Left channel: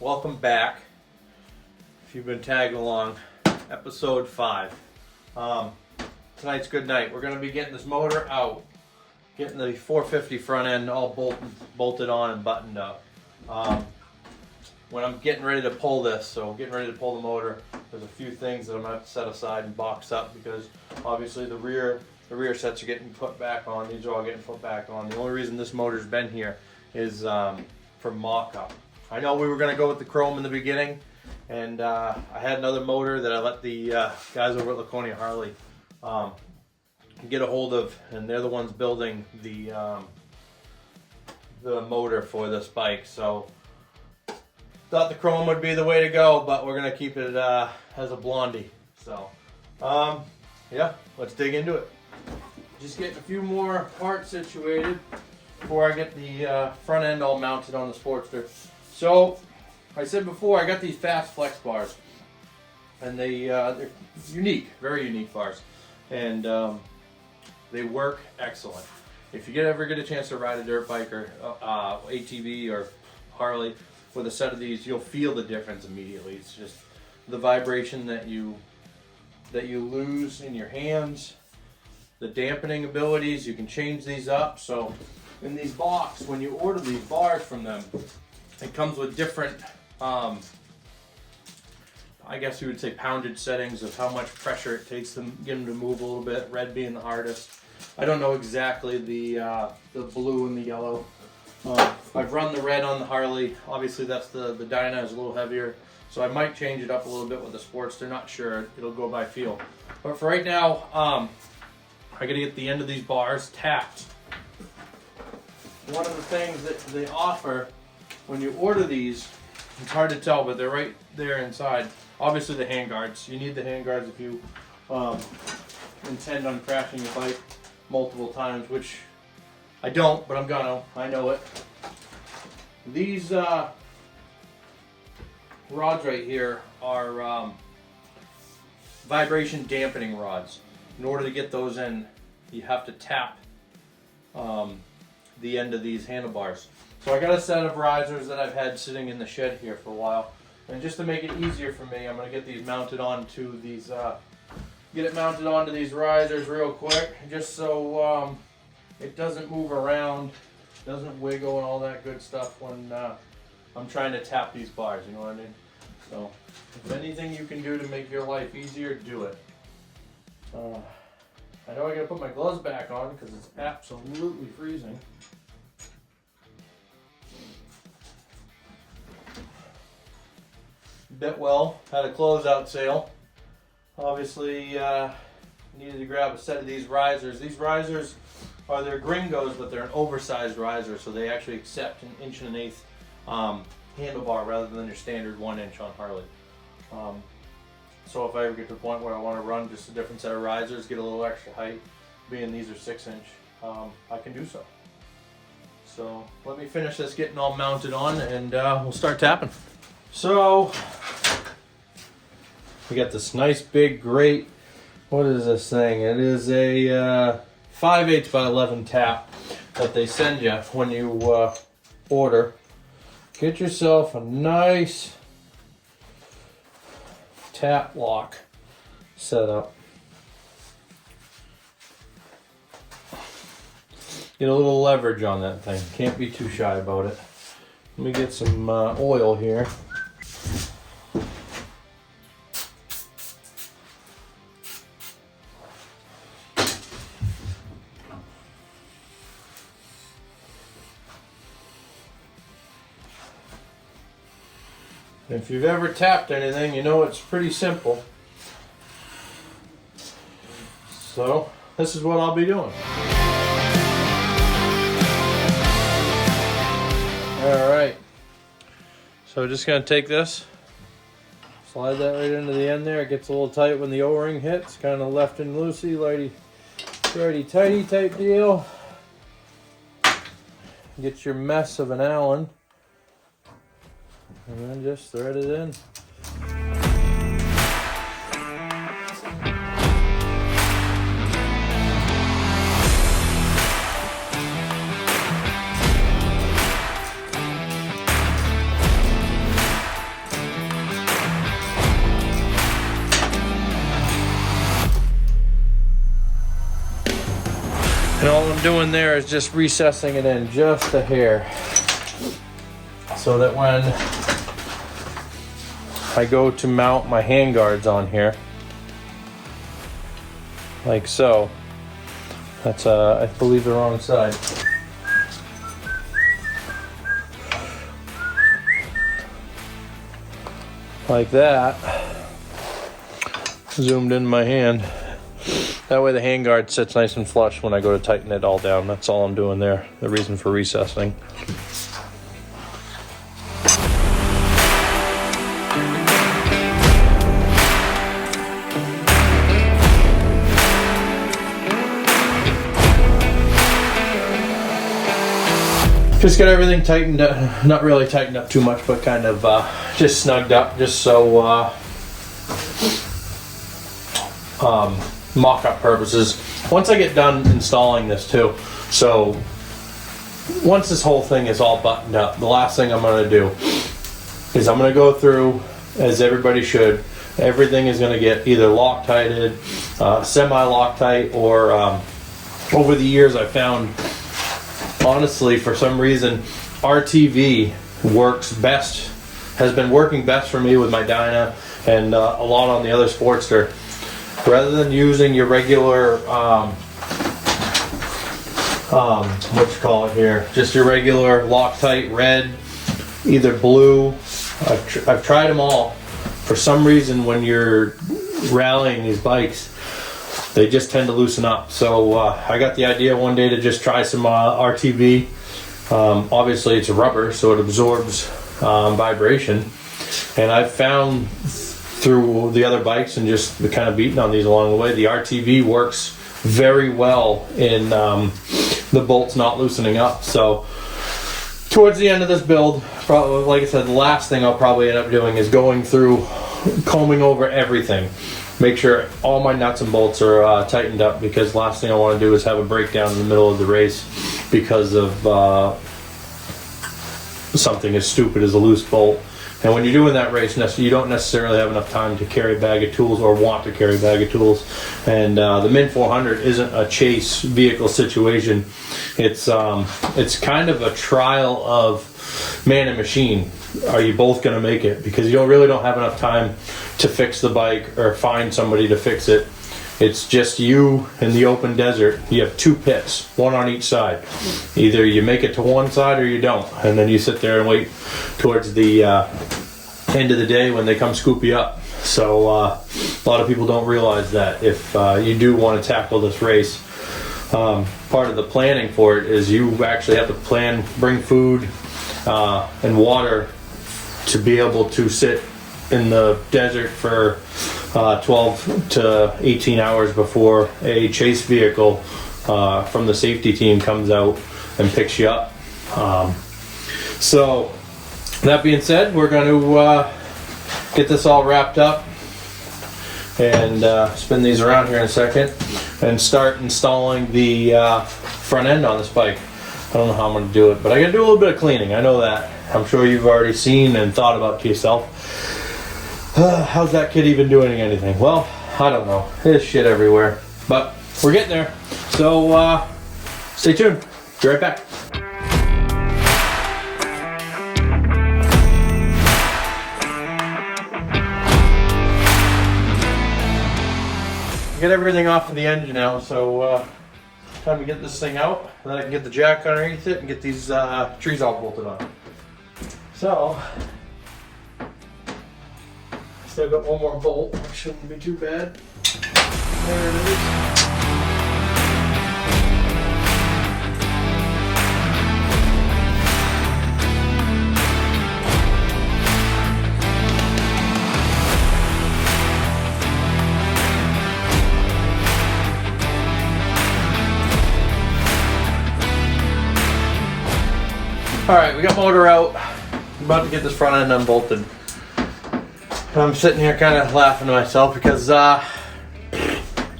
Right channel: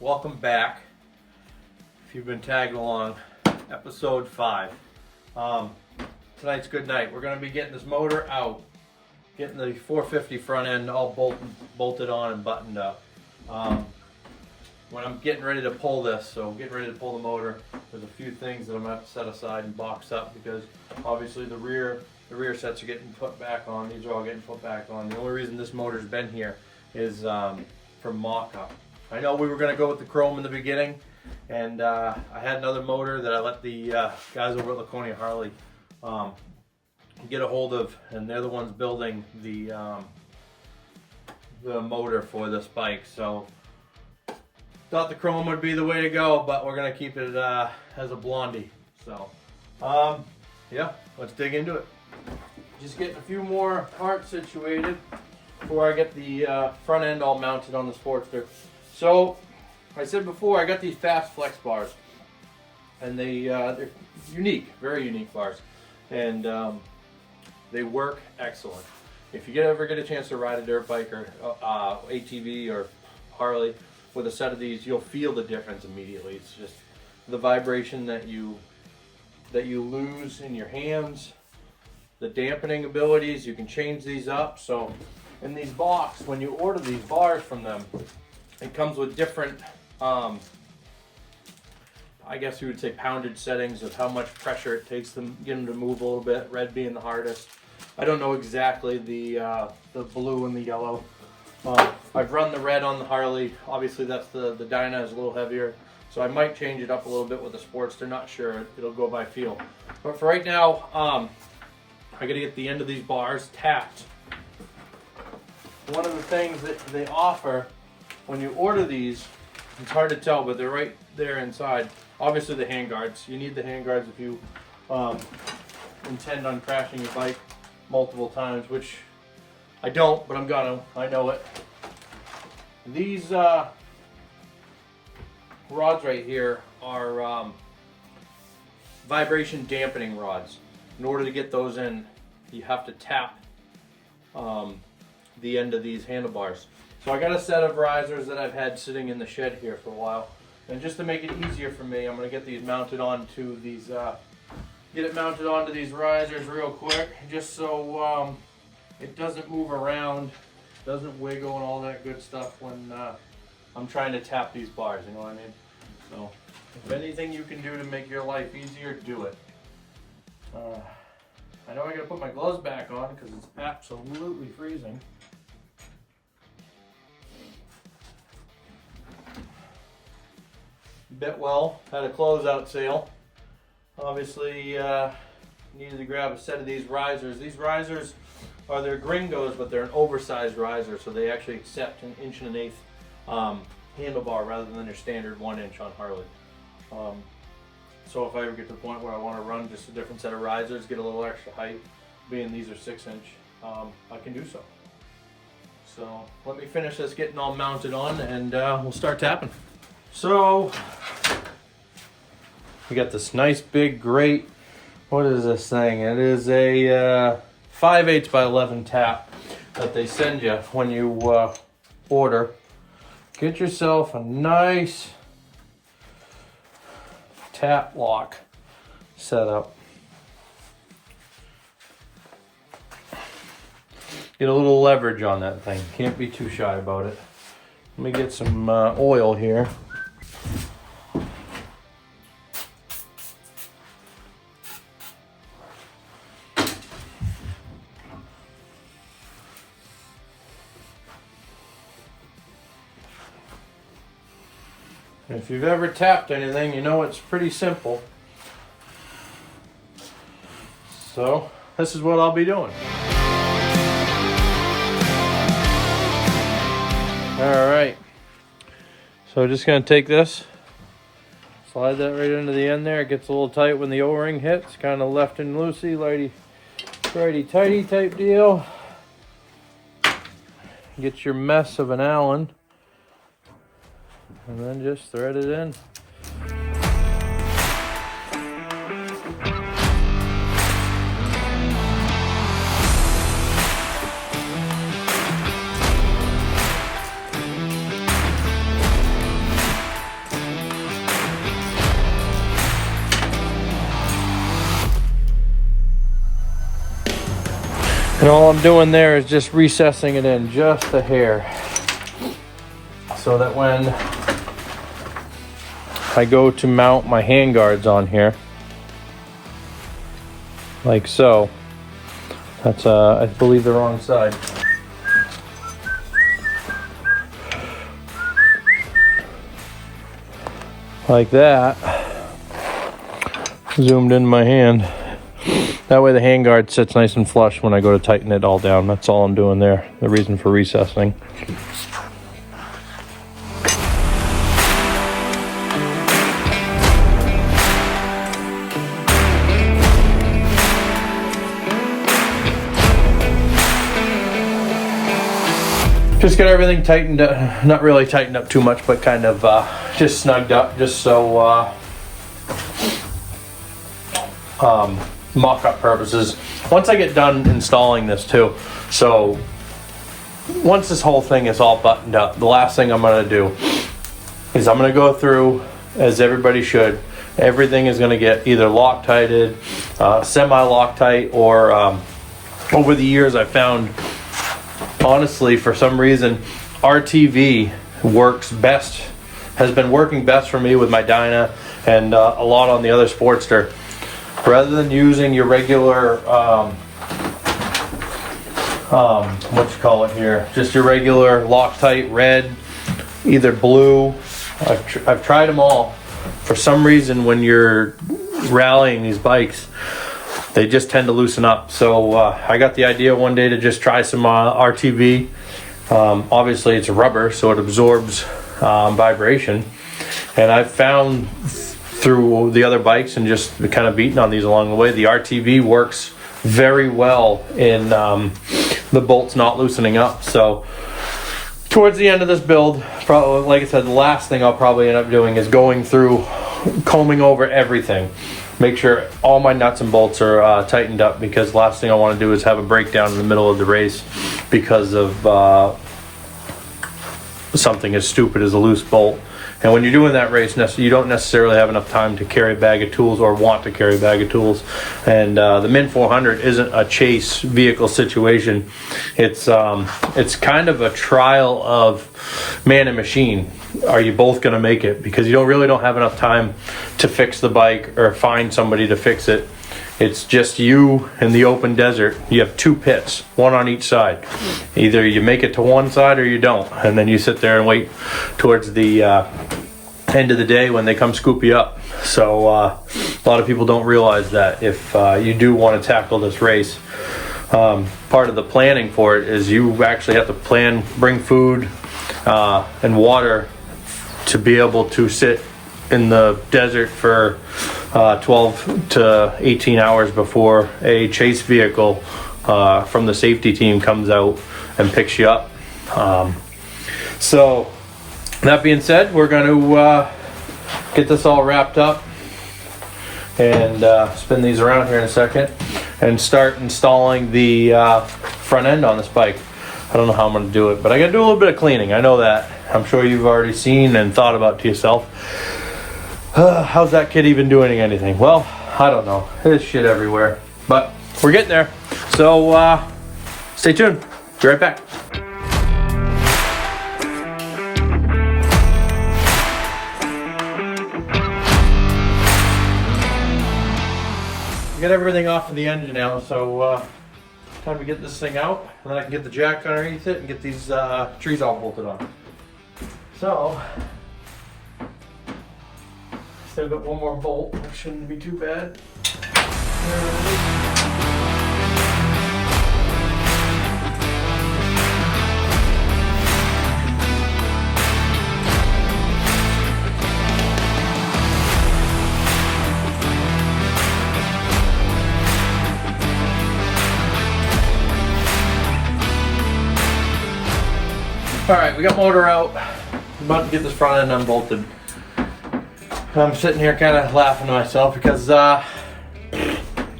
welcome back. If you've been tagging along, episode 5. Tonight's good night. We're going to be getting this motor out, getting the 450 front end all bolted on and buttoned up. When I'm getting ready to pull this, so getting ready to pull the motor, there's a few things that I'm going to have to set aside and box up because obviously the rear sets are getting put back on. These are all getting put back on. The only reason this motor's been here is for mock-up. I know we were going to go with the chrome in the beginning, and I had another motor that I let the guys over at Laconia Harley get a hold of, and they're the ones building the motor for this bike. So thought the chrome would be the way to go, but we're going to keep it as a blondie. So yeah, let's dig into it. Just getting a few more parts situated before I get the front end all mounted on the Sportster. So I said before, I got these fast flex bars, and they're unique, very unique bars, and they work excellent. If you ever get a chance to ride a dirt bike or ATV or Harley with a set of these, you'll feel the difference immediately. It's just the vibration that you lose in your hands, the dampening abilities. You can change these up. So in these box, when you order these bars from them, it comes with different, I guess you would say poundage settings of how much pressure it takes to get them to move a little bit, red being the hardest. I don't know exactly the blue and the yellow. I've run the red on the Harley. Obviously that's the Dyna is a little heavier, so I might change it up a little bit with the Sportster. Not sure, it'll go by feel. But for right now, I gotta get the end of these bars tapped. One of the things that they offer when you order these, it's hard to tell, but they're right there inside. Obviously the hand guards. You need the hand guards if you intend on crashing your bike multiple times, which I don't, but I'm gonna. I know it. These rods right here are vibration dampening rods. In order to get those in, you have to tap the end of these handlebars. So I got a set of risers that I've had sitting in the shed here for a while, and just to make it easier for me, I'm going to get these mounted onto these, get it mounted onto these risers real quick, just so it doesn't move around, doesn't wiggle and all that good stuff when I'm trying to tap these bars. You know what I mean? So if anything you can do to make your life easier, do it. I know I got to put my gloves back on because it's absolutely freezing. Bitwell had a closeout sale. Obviously needed to grab a set of these risers. These risers are their gringos, but they're an oversized riser, so they actually accept an 1 1/8 handlebar rather than your standard 1 inch on Harley. So if I ever get to the point where I want to run just a different set of risers, get a little extra height, being these are 6 inch, I can do so. So let me finish this getting all mounted on, and we'll start tapping. So we got this nice big grate. What is this thing? It is a 5/8 by 11 tap that they send you when you order. Get yourself a nice tap lock set up. Get a little leverage on that thing. Can't be too shy about it. Let me get some oil here. If you've ever tapped anything, you know it's pretty simple. So this is what I'll be doing. Alright, so just going to take this, slide that right into the end there. It gets a little tight when the O-ring hits, kind of left and loosey, righty-tighty type deal. Get your mess of an Allen, and then just thread it in. And all I'm doing there is just recessing it in just a hair, so that when I go to mount my handguards on here, like so, that's I believe the wrong side. Like that, zoomed in my hand. That way the handguard sits nice and flush when I go to tighten it all down. That's all I'm doing there, the reason for recessing. Just get everything tightened up, not really tightened up too much, but kind of just snugged up, just so mock-up purposes. Once I get done installing this too, so once this whole thing is all buttoned up, the last thing I'm going to do is I'm going to go through, as everybody should, everything is going to get either Loctited, semi-Loctite, or over the years I found, honestly, for some reason, RTV works best, has been working best for me with my Dyna and a lot on the other Sportster. Rather than using your regular, what you call it here, just your regular Loctite red, either blue. I've tried them all. For some reason, when you're rallying these bikes, they just tend to loosen up. So I got the idea one day to just try some RTV. Obviously it's rubber, so it absorbs vibration. And I've found through the other bikes and just kind of beating on these along the way, the RTV works very well in the bolts not loosening up. So towards the end of this build, probably, like I said, the last thing I'll probably end up doing is going through, combing over everything. Make sure all my nuts and bolts are tightened up, because the last thing I want to do is have a breakdown in the middle of the race because of something as stupid as a loose bolt. And when you're doing that race, you don't necessarily have enough time to carry a bag of tools or want to carry a bag of tools. And the Mint 400 isn't a chase vehicle situation. It's kind of a trial of man and machine. Are you both going to make it? Because you really don't have enough time to fix the bike or find somebody to fix it. It's just you in the open desert. You have two pits, one on each side. Either you make it to one side or you don't, and then you sit there and wait towards the end of the day when they come scoop you up. So a lot of people don't realize that if you do want to tackle this race, part of the planning for it is you actually have to bring food and water to be able to sit in the desert for 12 to 18 hours before a chase vehicle from the safety team comes out and picks you up. So that being said, we're going to get this all wrapped up and spin these around here in a second and start installing the front end on this bike. I don't know how I'm going to do it, but I got to do a little bit of cleaning. I know that. I'm sure you've already seen and thought about to yourself, how's that kid even doing anything? Well, I don't know. There's shit everywhere, but we're getting there. So stay tuned. Be right back. Get everything off of the engine now, so time to get this thing out, and then I can get the jack underneath it and get these trees all bolted on. So still got one more bolt, which shouldn't be too bad. Alright, we got motor out. I'm about to get this front end unbolted. I'm sitting here kind of laughing to myself because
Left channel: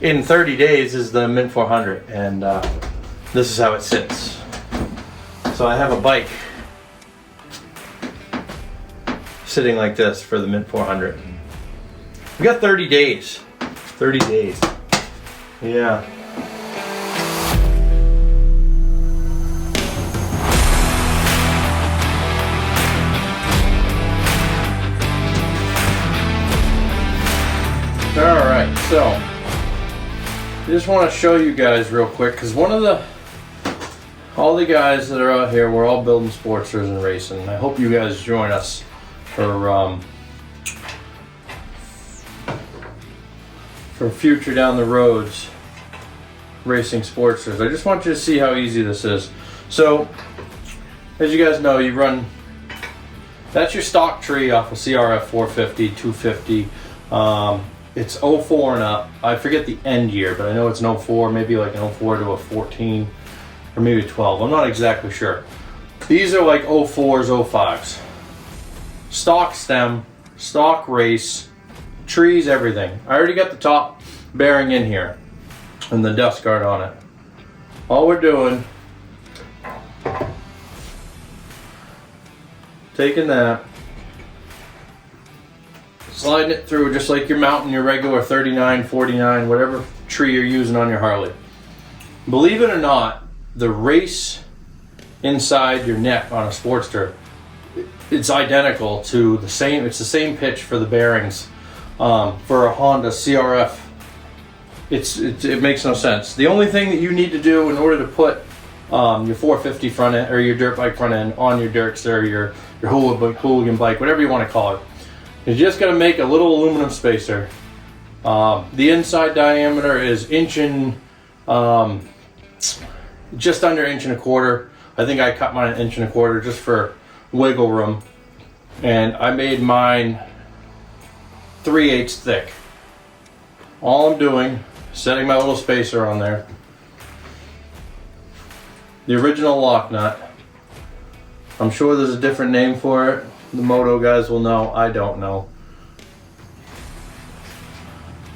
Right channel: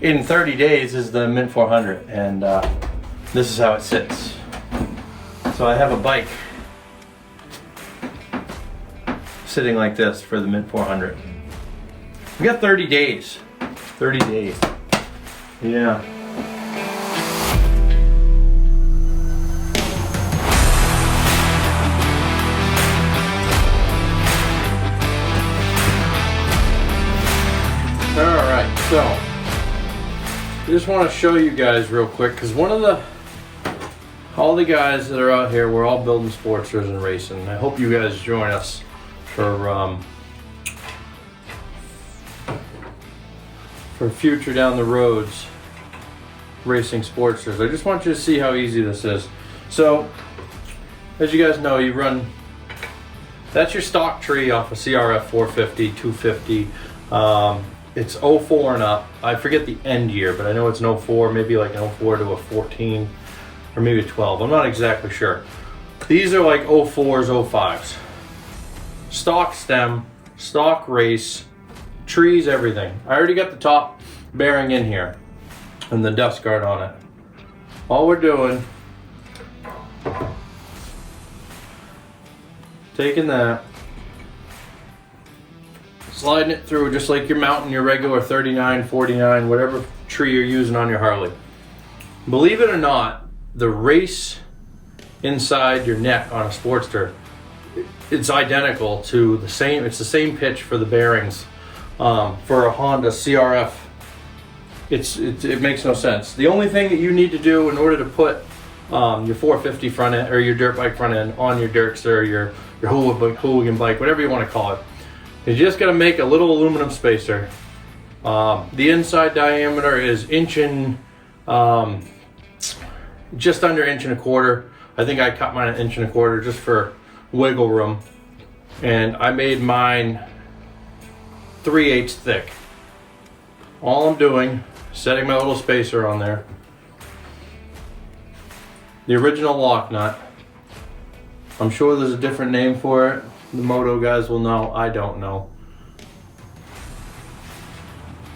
in 30 days is the Mint 400, and this is how it sits. So I have a bike sitting like this for the Mint 400. We got 30 days. 30 days. Yeah. So, I just want to show you guys real quick, because all the guys that are out here, we're all building Sportsters and racing. I hope you guys join us for future down the roads racing Sportsters. I just want you to see how easy this is. So, as you guys know, you run, that's your stock tree off a CRF450, 250. It's 04 and up. I forget the end year, but I know it's an 04, maybe like an 04 to a 14, or maybe 12. I'm not exactly sure. These are like 04s, 05s. Stock stem, stock race, trees, everything. I already got the top bearing in here and the dust guard on it. All we're doing, taking that, sliding it through just like you're mounting your regular 39, 49, whatever tree you're using on your Harley. Believe it or not, the race inside your neck on a Sportster, it's identical to the same, it's the same pitch for the bearings for a Honda CRF. It makes no sense. The only thing that you need to do in order to put your 450 front end, or your dirt bike front end, on your Dirkster, or your hooligan bike, whatever you want to call it, you just got to make a little aluminum spacer. The inside diameter is just under 1.25 inches. I think I cut mine 1.25 inches just for wiggle room, and I made mine 3/8 thick. All I'm doing is setting my little spacer on there. The original lock nut. I'm sure there's a different name for it. The moto guys will know. I don't know.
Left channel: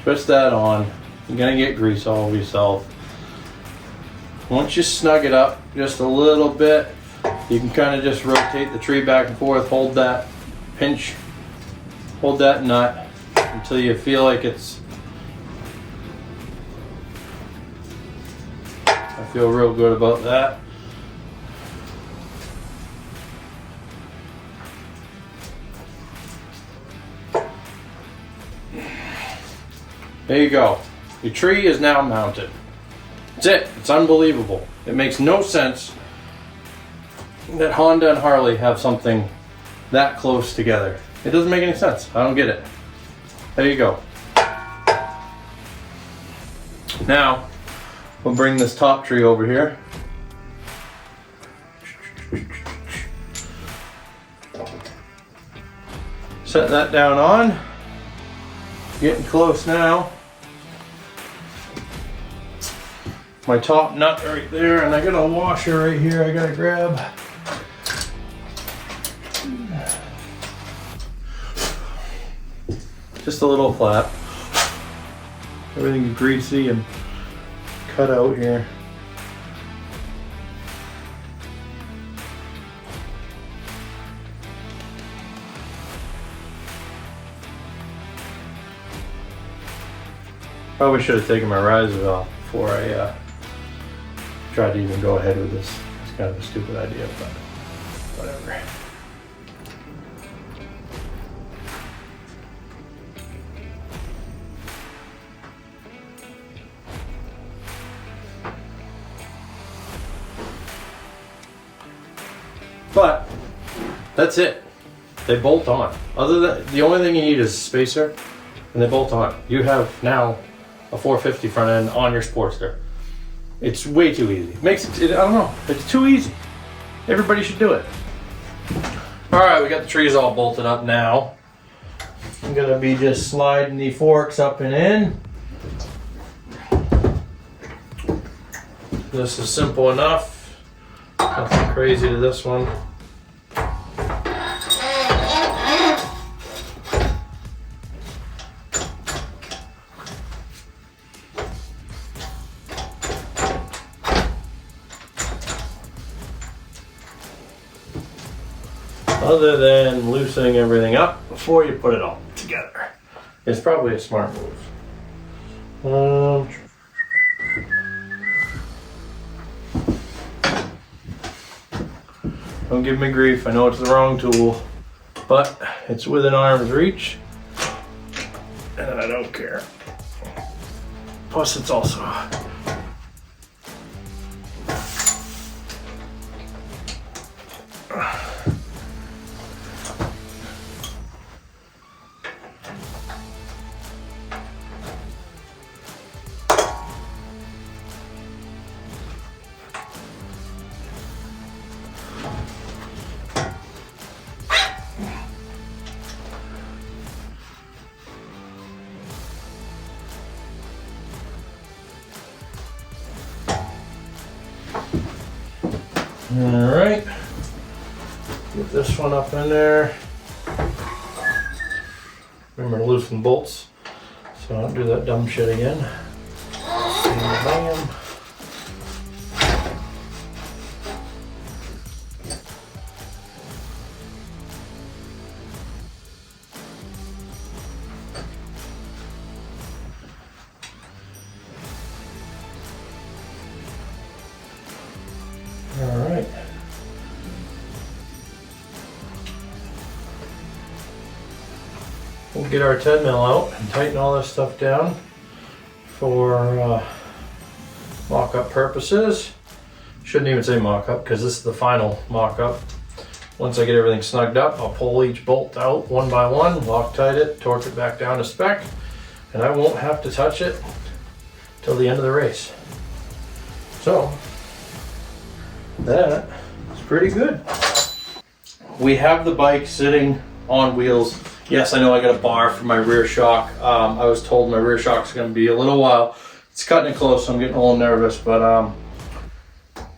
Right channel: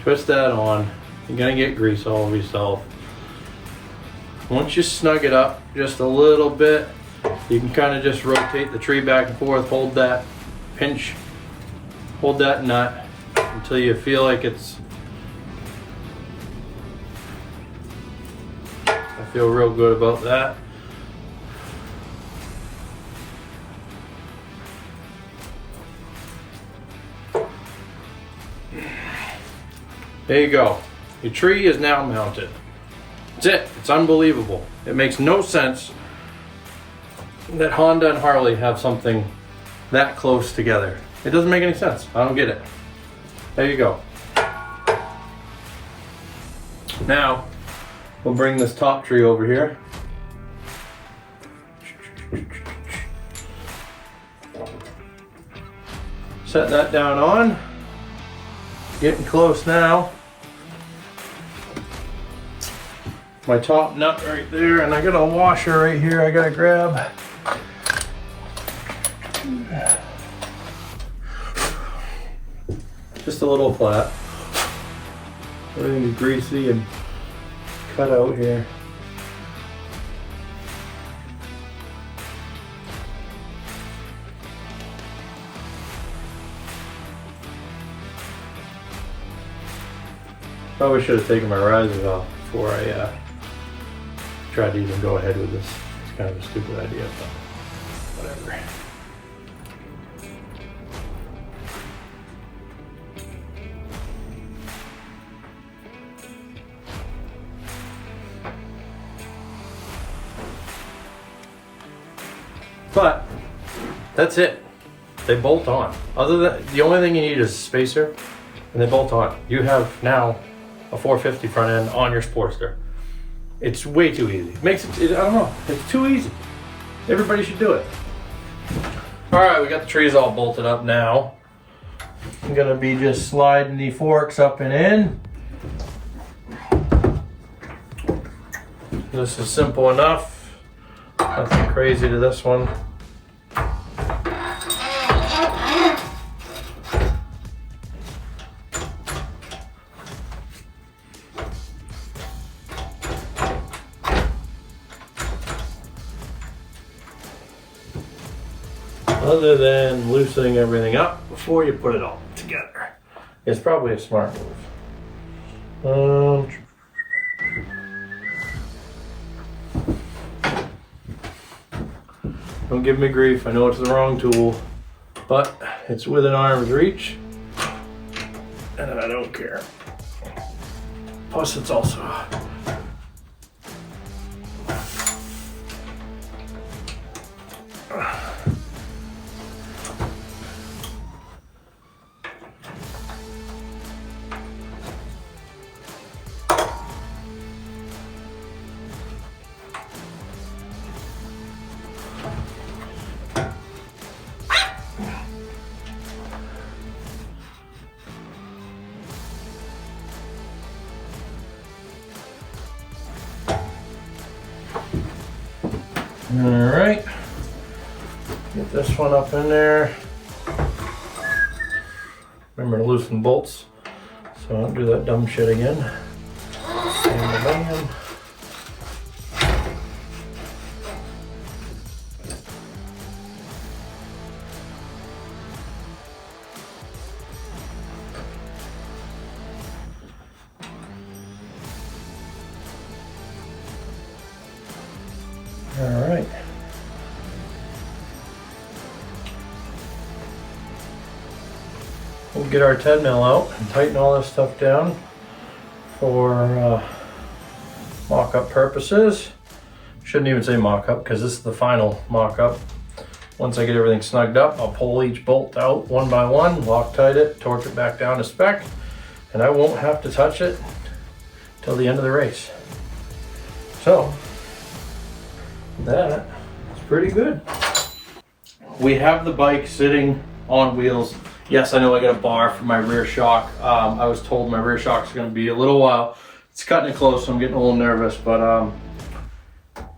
Twist that on. You're gonna get grease all over yourself. Once you snug it up just a little bit, you can kind of just rotate the tree back and forth, hold that pinch, hold that nut until you feel like it's, I feel real good about that. There you go. Your tree is now mounted. That's it. It's unbelievable. It makes no sense that Honda and Harley have something that close together. It doesn't make any sense. I don't get it. There you go. Now, we'll bring this top tree over here. Set that down on. Getting close now. My top nut right there, and I got a washer right here I gotta grab. Just a little flat. Everything is greasy and cut out here. Probably should have taken my risers off before I tried to even go ahead with this. It's kind of a stupid idea, but whatever. But that's it. They bolt on. Other than, the only thing you need is a spacer, and they bolt on. You have now a 450 front end on your Sportster. It's way too easy. It makes it, I don't know, it's too easy. Everybody should do it. All right, we got the trees all bolted up now. I'm gonna be just sliding the forks up and in. This is simple enough. Nothing crazy to this one. Other than loosening everything up before you put it all together. It's probably a smart move. Don't give me grief, I know it's the wrong tool, but it's within arm's reach, and I don't care. Plus it's also all right. Get this one up in there. Remember to loosen bolts so I don't do that dumb shit again. Bam, bam. All right. We'll get our 10 mil out and tighten all this stuff down for mock-up purposes. Shouldn't even say mock-up because this is the final mock-up. Once I get everything snugged up, I'll pull each bolt out one by one, Loctite it, torque it back down to spec, and I won't have to touch it till the end of the race. So that's pretty good. We have the bike sitting on wheels. Yes, I know I got a bar for my rear shock. I was told my rear shock is going to be a little while. It's cutting it close, so I'm getting a little nervous, but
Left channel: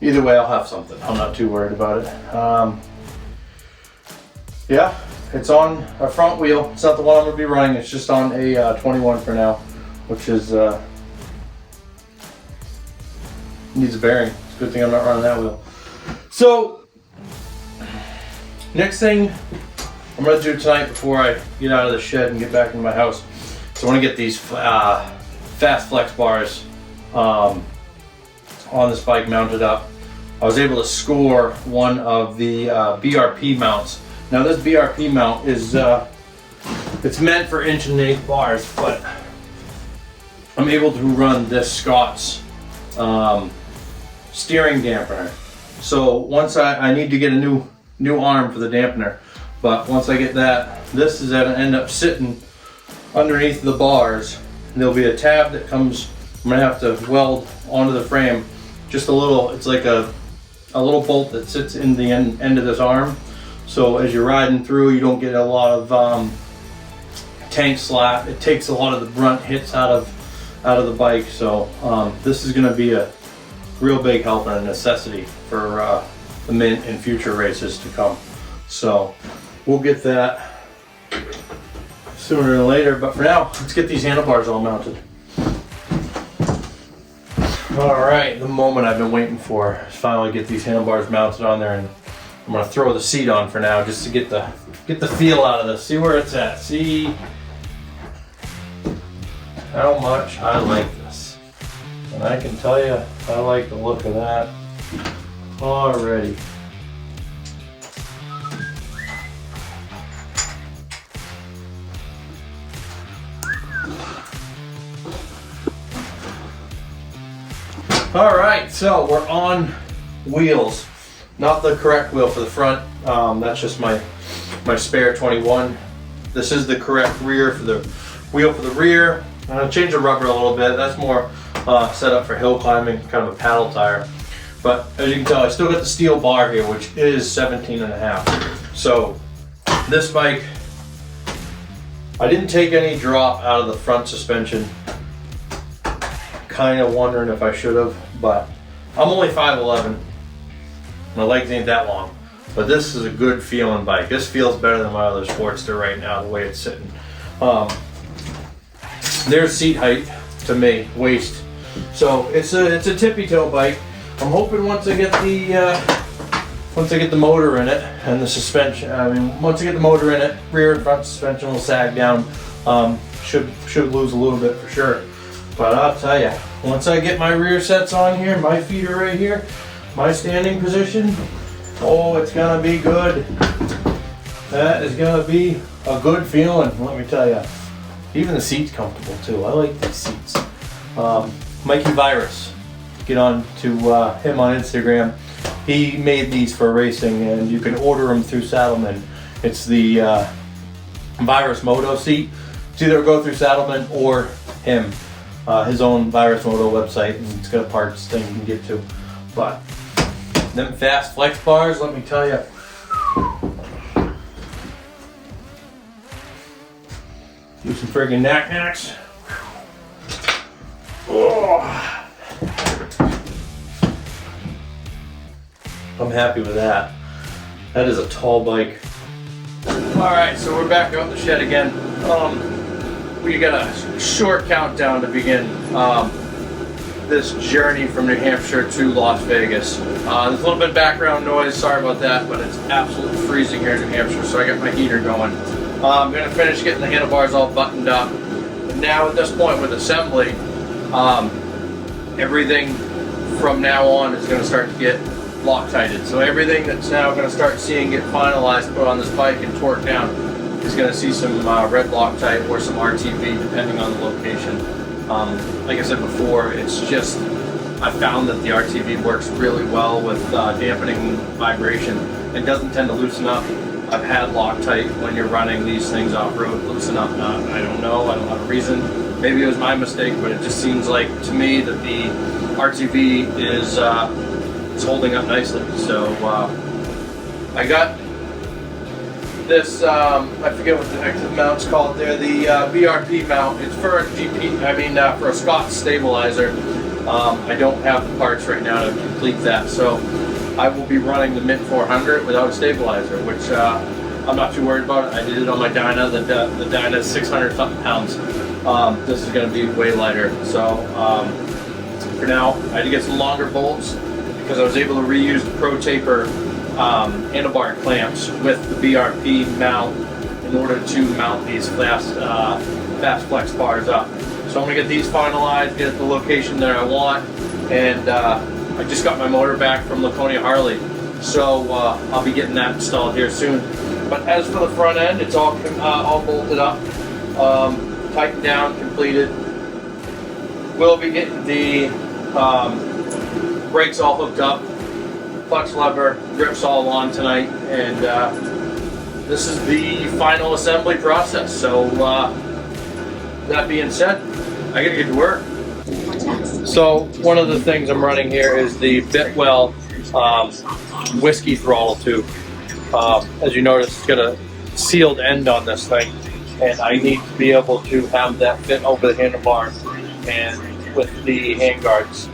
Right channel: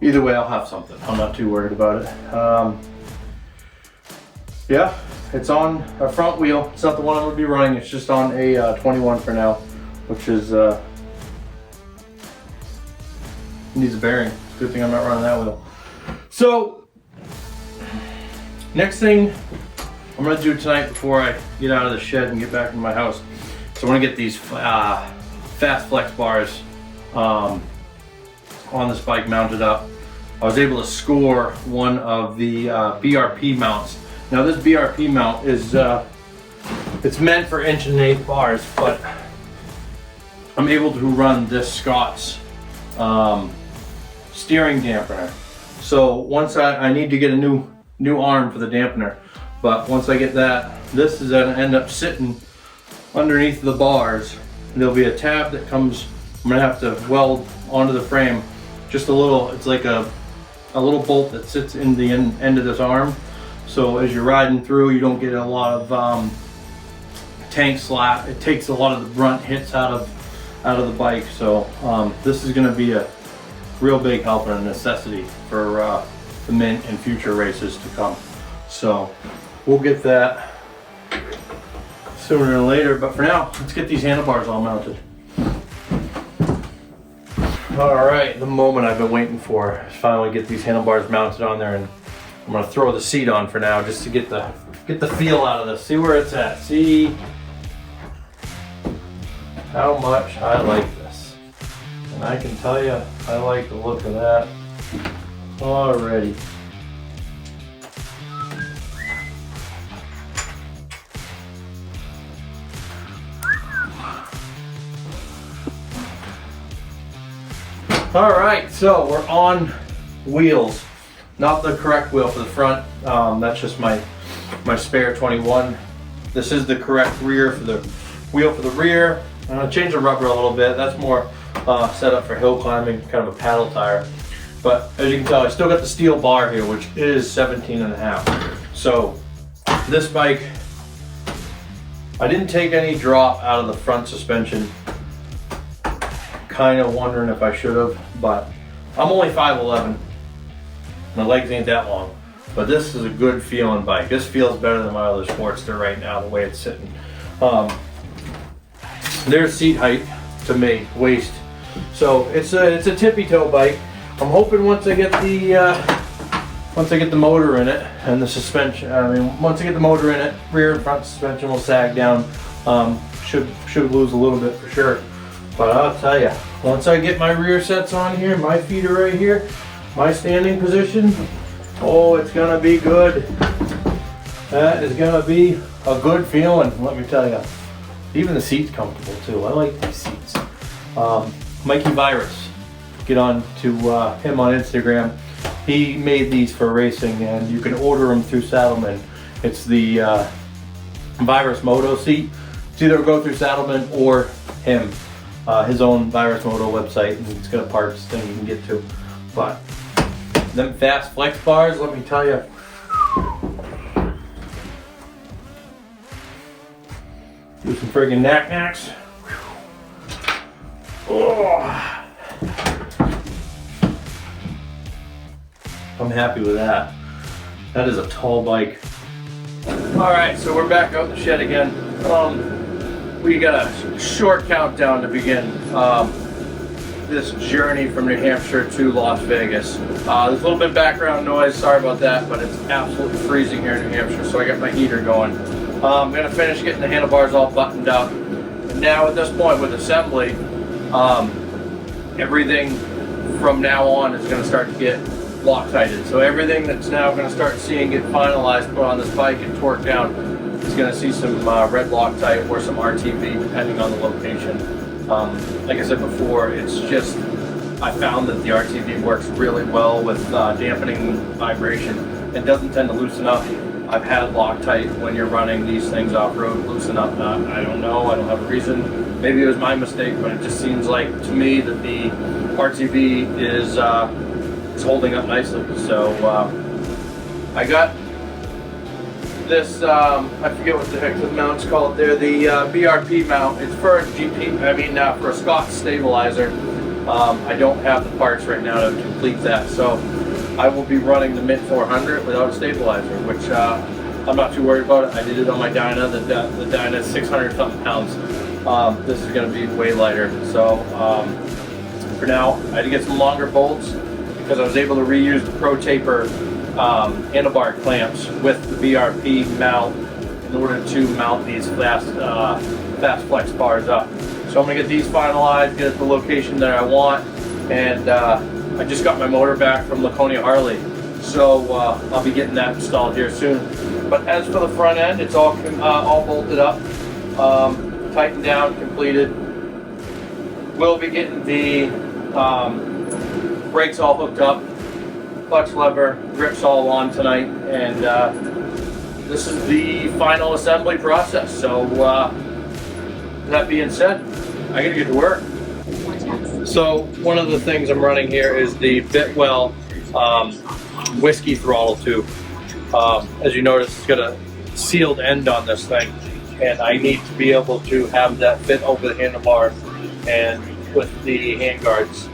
either way, I'll have something. I'm not too worried about it. Yeah, it's on a front wheel. It's not the one I'm going to be running. It's just on a 21 for now, which is needs a bearing. It's a good thing I'm not running that wheel. So, next thing I'm going to do tonight before I get out of the shed and get back into my house. So I want to get these fast flex bars on this bike mounted up. I was able to score one of the BRP mounts. Now this BRP mount is it's meant for 1.1/8 bars, but I'm able to run this Scott's steering dampener. So once I need to get a new arm for the dampener, but once I get that, this is gonna end up sitting underneath the bars. There'll be a tab that comes, I'm gonna have to weld onto the frame, just a little, it's like a little bolt that sits in the end of this arm. So as you're riding through, you don't get a lot of tank slap. It takes a lot of the brunt hits out of the bike. So this is gonna be a real big help and a necessity for the Mint in future races to come. So we'll get that sooner than later, but for now, let's get these handlebars all mounted. All right, the moment I've been waiting for is finally get these handlebars mounted on there, and I'm gonna throw the seat on for now just to get the feel out of this, see where it's at, see how much I like this. And I can tell you, I like the look of that already. All right, so we're on wheels. Not the correct wheel for the front. That's just my spare 21. This is the correct rear for the wheel for the rear. I'm gonna change the rubber a little bit. That's more set up for hill climbing, kind of a paddle tire. But as you can tell, I still got the steel bar here, which is 17.5. So this bike, I didn't take any drop out of the front suspension. Kind of wondering if I should have, but I'm only 5'11". My legs ain't that long, but this is a good feeling bike. This feels better than my other Sportster right now, the way it's sitting. There's seat height to me, waist. So it's a tippy toe bike. I'm hoping once I get the motor in it and the suspension, once I get the motor in it, rear and front suspension will sag down. Should lose a little bit for sure. But I'll tell you, once I get my rear sets on here, my feet are right here, my standing position, oh, it's gonna be good. That is gonna be a good feeling, let me tell you. Even the seat's comfortable too. I like these seats. Mikey Virus. Get on to him on Instagram. He made these for racing, and you can order them through Saddlemen. It's the Virus Moto seat. It's either go through Saddlemen or him, his own Virus Moto website, and it's got a parts thing you can get to. But them fast flex bars, let me tell you. Do some friggin' knack-knacks. Oh. I'm happy with that. That is a tall bike. Alright, so we're back out in the shed again. We got a short countdown to begin this journey from New Hampshire to Las Vegas. There's a little bit of background noise, sorry about that, but it's absolutely freezing here in New Hampshire, so I got my heater going. I'm going to finish getting the handlebars all buttoned up. And now at this point with assembly, everything from now on is going to start to get Loctited. So everything that's now going to start seeing get finalized, put on this bike and torqued down is going to see some red Loctite or some RTV depending on the location. Like I said before, it's just, I found that the RTV works really well with dampening vibration and doesn't tend to loosen up. I've had Loctite when you're running these things off-road loosen up. I don't know, I don't have a reason. Maybe it was my mistake, but it just seems like to me that the RTV is holding up nicely. So I got this, I forget what the heck the mount's called there, the BRP mount. It's for a for a Scott stabilizer. I don't have the parts right now to complete that, so I will be running the Mint 400 without a stabilizer, which I'm not too worried about it. I did it on my Dyna. The Dyna is 600 something pounds. This is going to be way lighter. So for now, I had to get some longer bolts because I was able to reuse the Pro Taper handlebar clamps with the BRP mount in order to mount these fast flex bars up. So I'm going to get these finalized, get at the location that I want, and I just got my motor back from Laconia Harley, so I'll be getting that installed here soon. But as for the front end, it's all bolted up, tightened down, completed. We'll be getting the brakes all hooked up, clutch lever, grips all on tonight, and this is the final assembly process. So that being said, I gotta get to work. So one of the things I'm running here is the Bitwell whiskey throttle tube. As you notice, it's got a sealed end on this thing, and I need to be able to have that fit over the handlebar, and with the handguards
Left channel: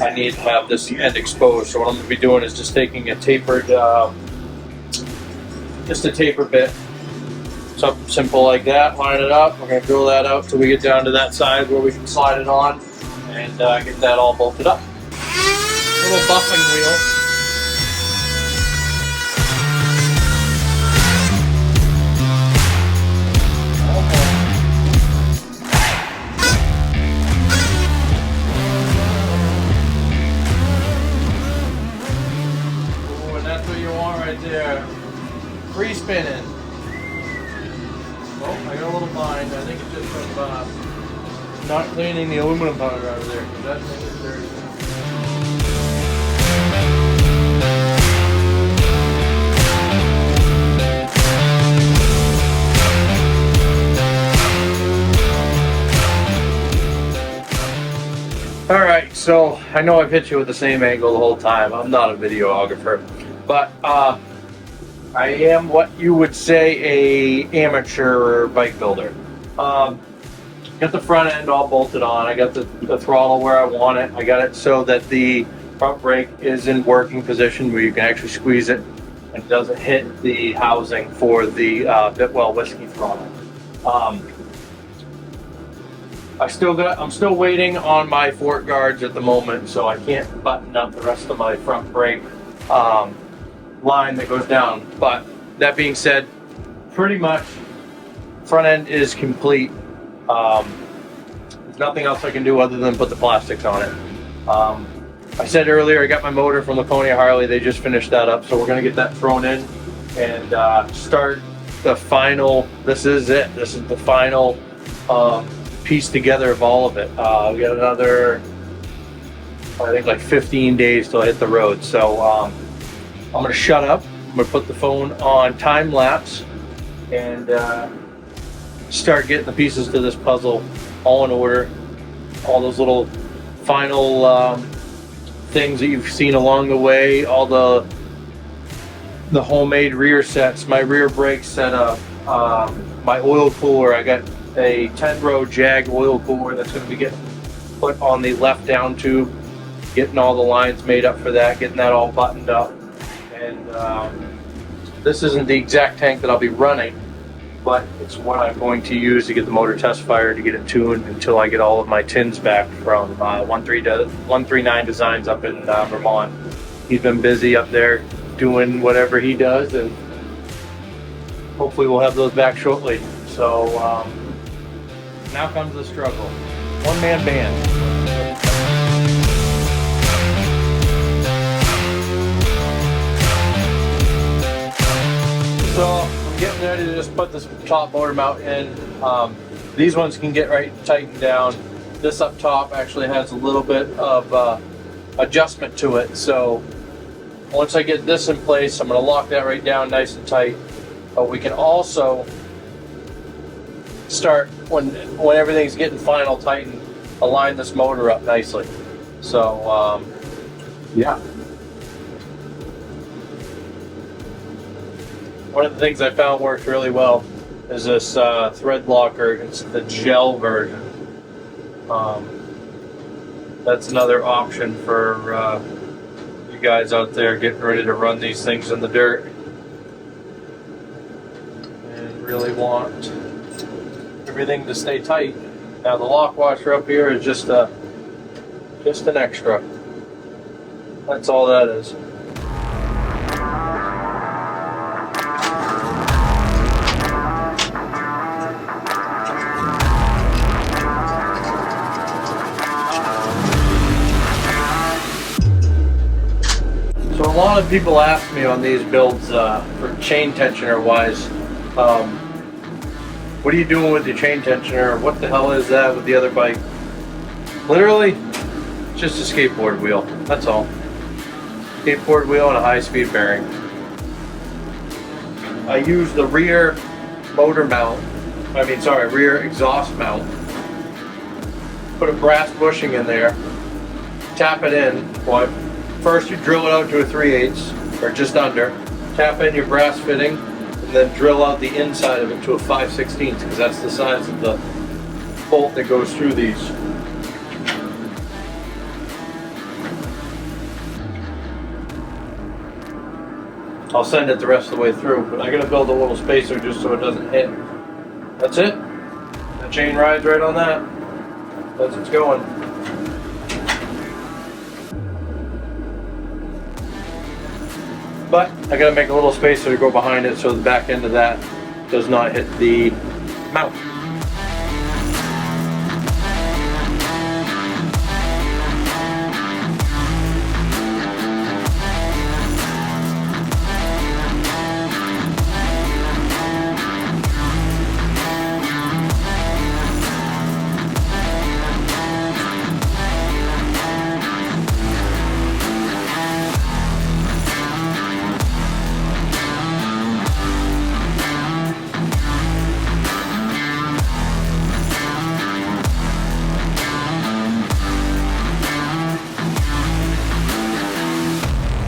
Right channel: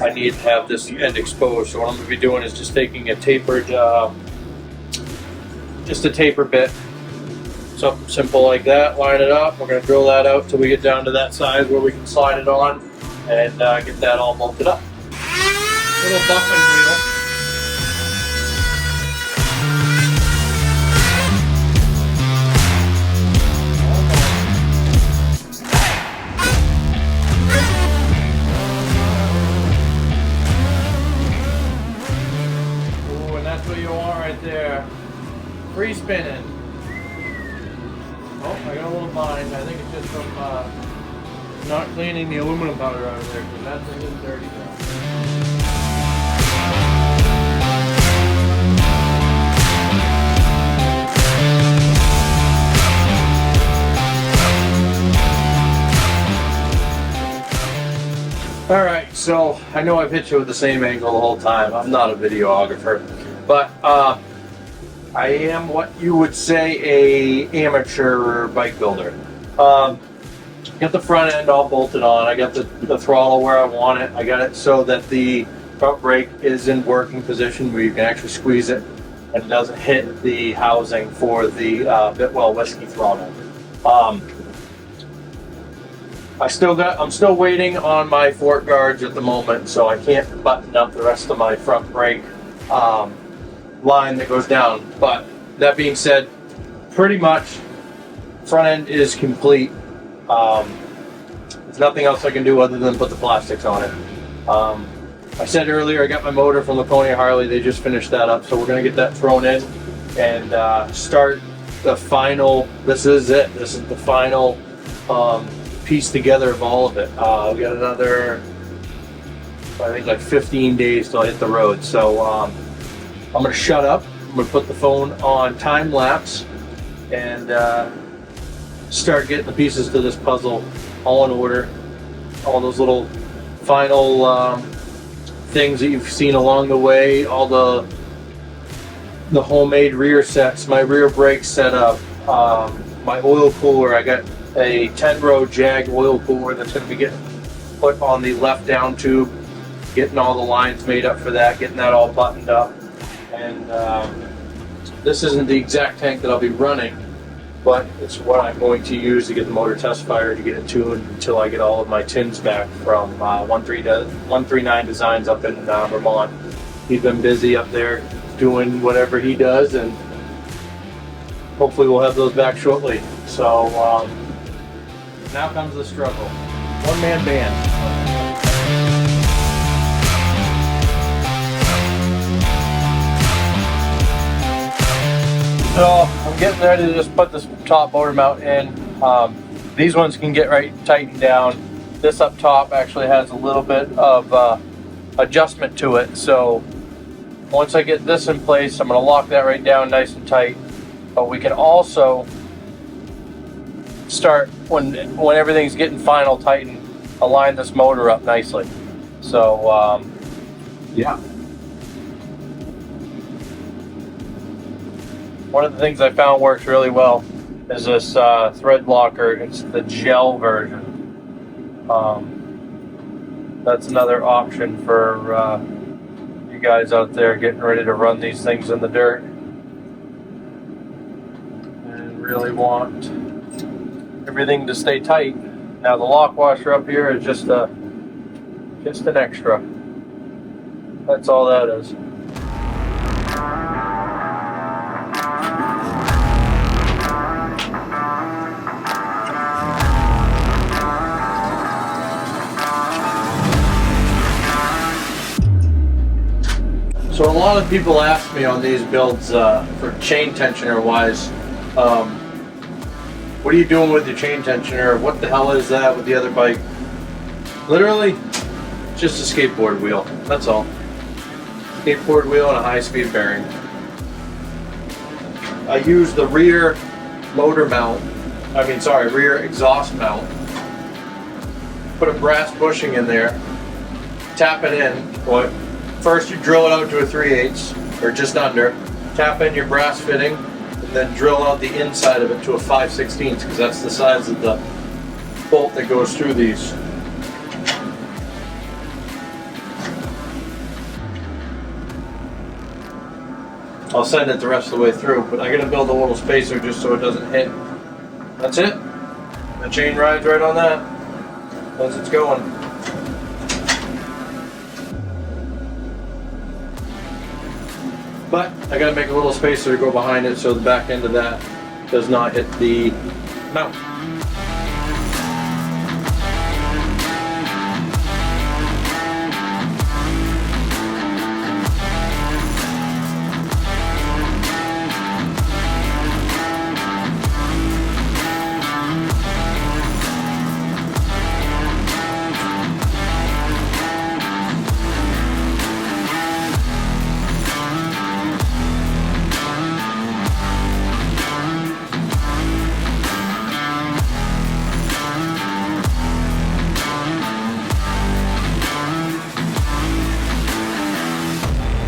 I need to have this end exposed. So what I'm going to be doing is just taking a tapered, just a taper bit, something simple like that, line it up. We're going to drill that out till we get down to that side where we can slide it on and get that all bolted up. Little buffing wheel. There, free spinning. Oh, I got a little bind. I think it's just from not cleaning the aluminum powder out of there, because that thing is dirty now. Alright, so I know I've hit you with the same angle the whole time. I'm not a videographer, but I am what you would say a amateur bike builder. Got the front end all bolted on. I got the throttle where I want it. I got it so that the front brake is in working position where you can actually squeeze it and it doesn't hit the housing for the Bitwell whiskey throttle. I'm still waiting on my fork guards at the moment, so I can't button up the rest of my front brake line that goes down. But that being said, pretty much front end is complete. There's nothing else I can do other than put the plastics on it. I said earlier I got my motor from Laconia Harley. They just finished that up, so we're gonna get that thrown in and start the final. This is it. This is the final piece together of all of it. We got another, I think, like 15 days till I hit the road. So I'm gonna shut up. I'm gonna put the phone on time lapse and start getting the pieces to this puzzle all in order. All those little final things that you've seen along the way, all the homemade rear sets, my rear brake setup, my oil cooler. I got a 10-row Jag oil cooler that's going to be getting put on the left down tube, getting all the lines made up for that, getting that all buttoned up. And this isn't the exact tank that I'll be running, but it's what I'm going to use to get the motor test fired, to get it tuned until I get all of my tins back from 139 Designs up in Vermont. He's been busy up there doing whatever he does, and hopefully we'll have those back shortly. So now comes the struggle. One-man band. So I'm getting ready to just put this top motor mount in. These ones can get right tightened down. This up top actually has a little bit of adjustment to it. So once I get this in place, I'm going to lock that right down nice and tight. But we can also start, when everything's getting final tightened, align this motor up nicely. So yeah. One of the things I found works really well is this thread locker. It's the gel version. That's another option for you guys out there getting ready to run these things in the dirt and really want everything to stay tight. Now the lock washer up here is just an extra. That's all that is. So a lot of people ask me on these builds for chain tensioner wise, what are you doing with your chain tensioner? What the hell is that with the other bike? Literally, just a skateboard wheel, that's all. Skateboard wheel and a high-speed bearing. I use the rear motor mount, rear exhaust mount. Put a brass bushing in there, tap it in. First you drill it out to a 3/8 or just under, tap in your brass fitting, and then drill out the inside of it to a 5/16 because that's the size of the bolt that goes through these. I'll send it the rest of the way through, but I gotta build a little spacer just so it doesn't hit. That's it. The chain rides right on that as it's going. But I gotta make a little spacer to go behind it so the back end of that does not hit the mount.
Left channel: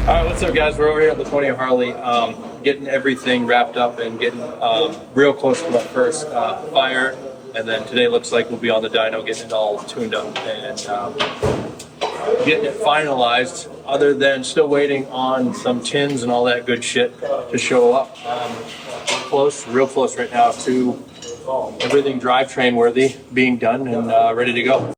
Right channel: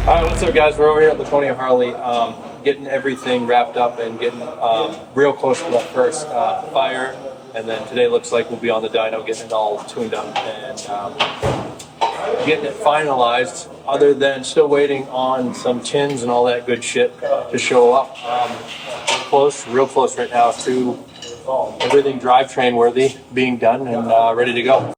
Alright, what's up guys? We're over here at the 20 Harley, getting everything wrapped up and getting real close to that first fire. And then today looks like we'll be on the dyno getting it all tuned up and getting it finalized, other than still waiting on some tins and all that good shit to show up. Real close right now to everything drivetrain worthy being done and ready to go.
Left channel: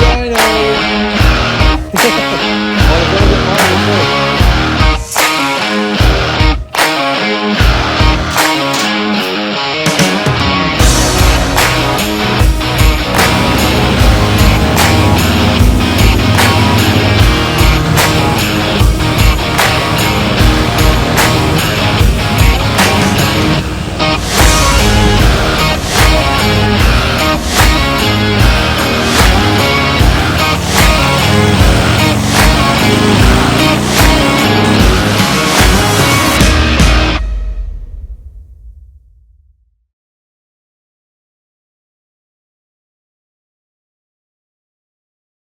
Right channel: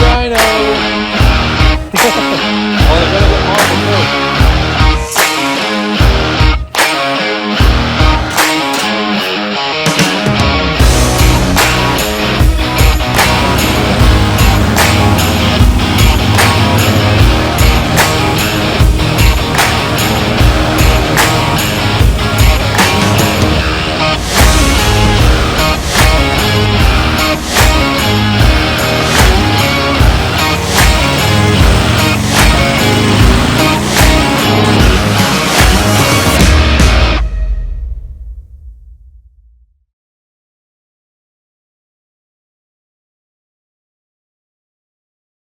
Dyno.